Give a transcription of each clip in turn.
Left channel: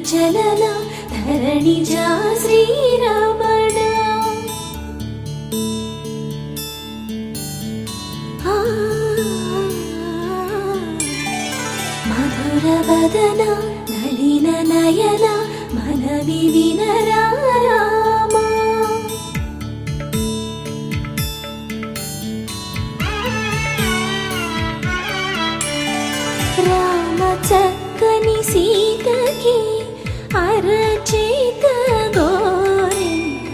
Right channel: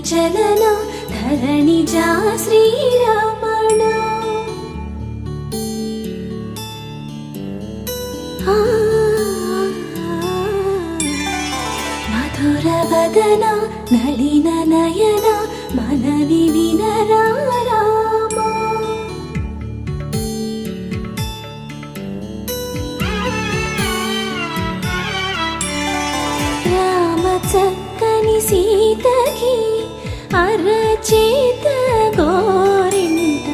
చలన ధరణిజా శ్రీరమణ మధుర వదన నళిన నయన మనవి వినరా అరచేత గోరింట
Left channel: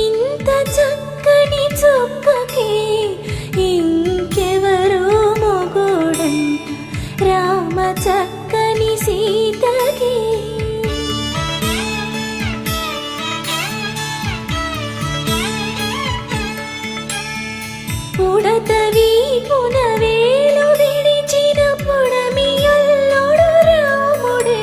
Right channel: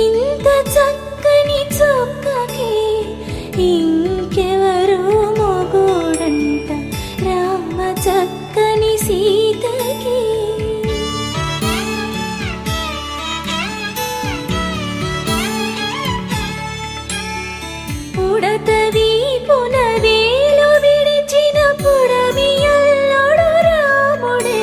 ఇంత చక్కని చుక్కకి ఇంకెవరు మొగుడంట రామ చక్కని సీతకి పుడతవి పునవేలు విడిచిన పుడమియల్లోడు రాముడే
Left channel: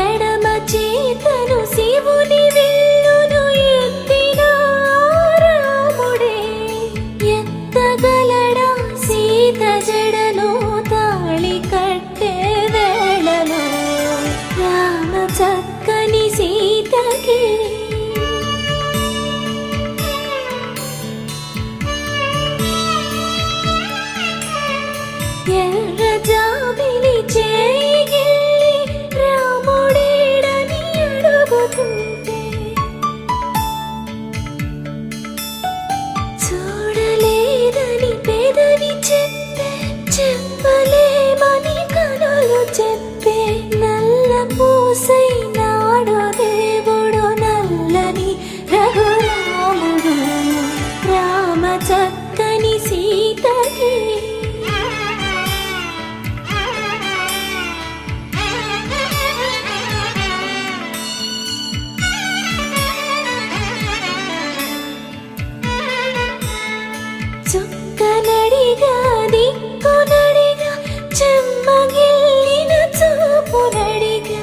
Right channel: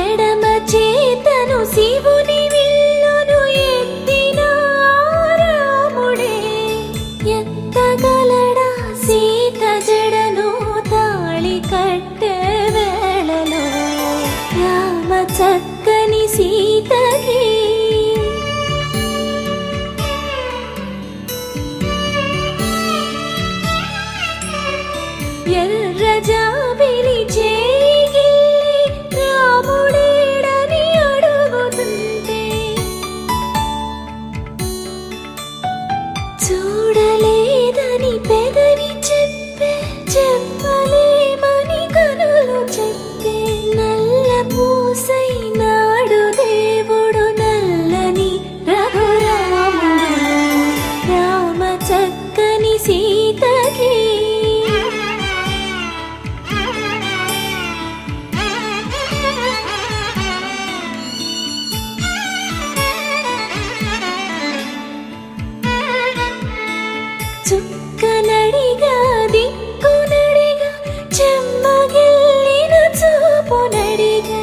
ఎడమ చేతను శివుని విల్లును ఎత్తిన రాముడే ఎత్తగలడా సీత జడను తాళి కట్టే వేళలో రామ చక్కని సీతకి ఎర్ర జాబిలి చేయి రాముడేడని అడుగుతుంటే చూడలేదని పెదవి చెప్పే చెప్పలేమని కనులు చెప్పే నల్ల పూసై నాడు దేవుడు నల్లని రఘురాముడు రామ చక్కని సీతకి చుక్కనడిగా దిక్కునడిగా చెమ్మగిల్లిన చూపునడిగా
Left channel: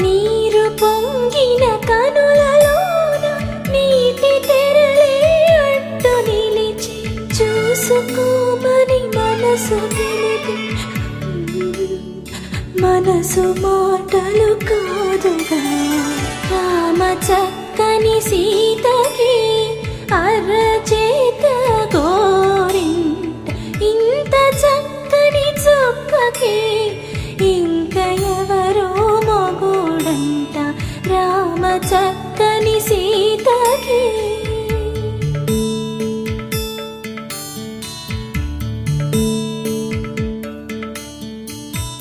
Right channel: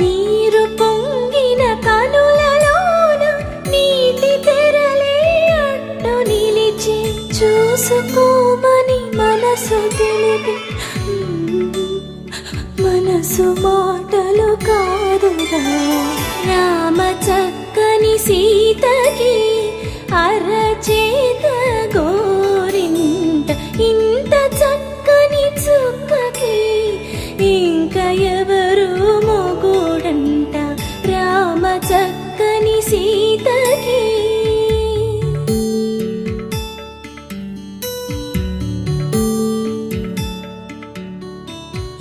నీరు పొంగిన కనులలోన నీటి తెరలే అడ్డు నిలిచి చూసుకోమని మనసు తెలిపి మనసు మాటలు కాదుగా రామ చక్కని సీతకి అరచేత గోరింట ఇంత చక్కని చుక్కకి ఇంక ఎవరు మొగుడంట రామ చక్కని సీతకి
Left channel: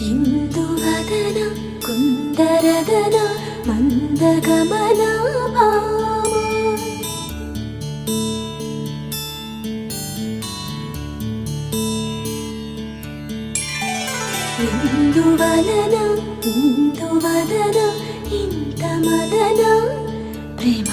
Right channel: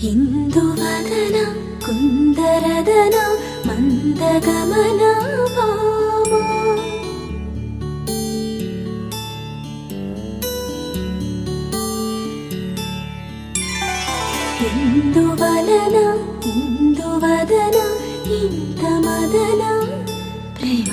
ఇందువదన కుందరదన మందగమన భామ ఇందువలన ఇందువదన ఇంత మదన ప్రేమ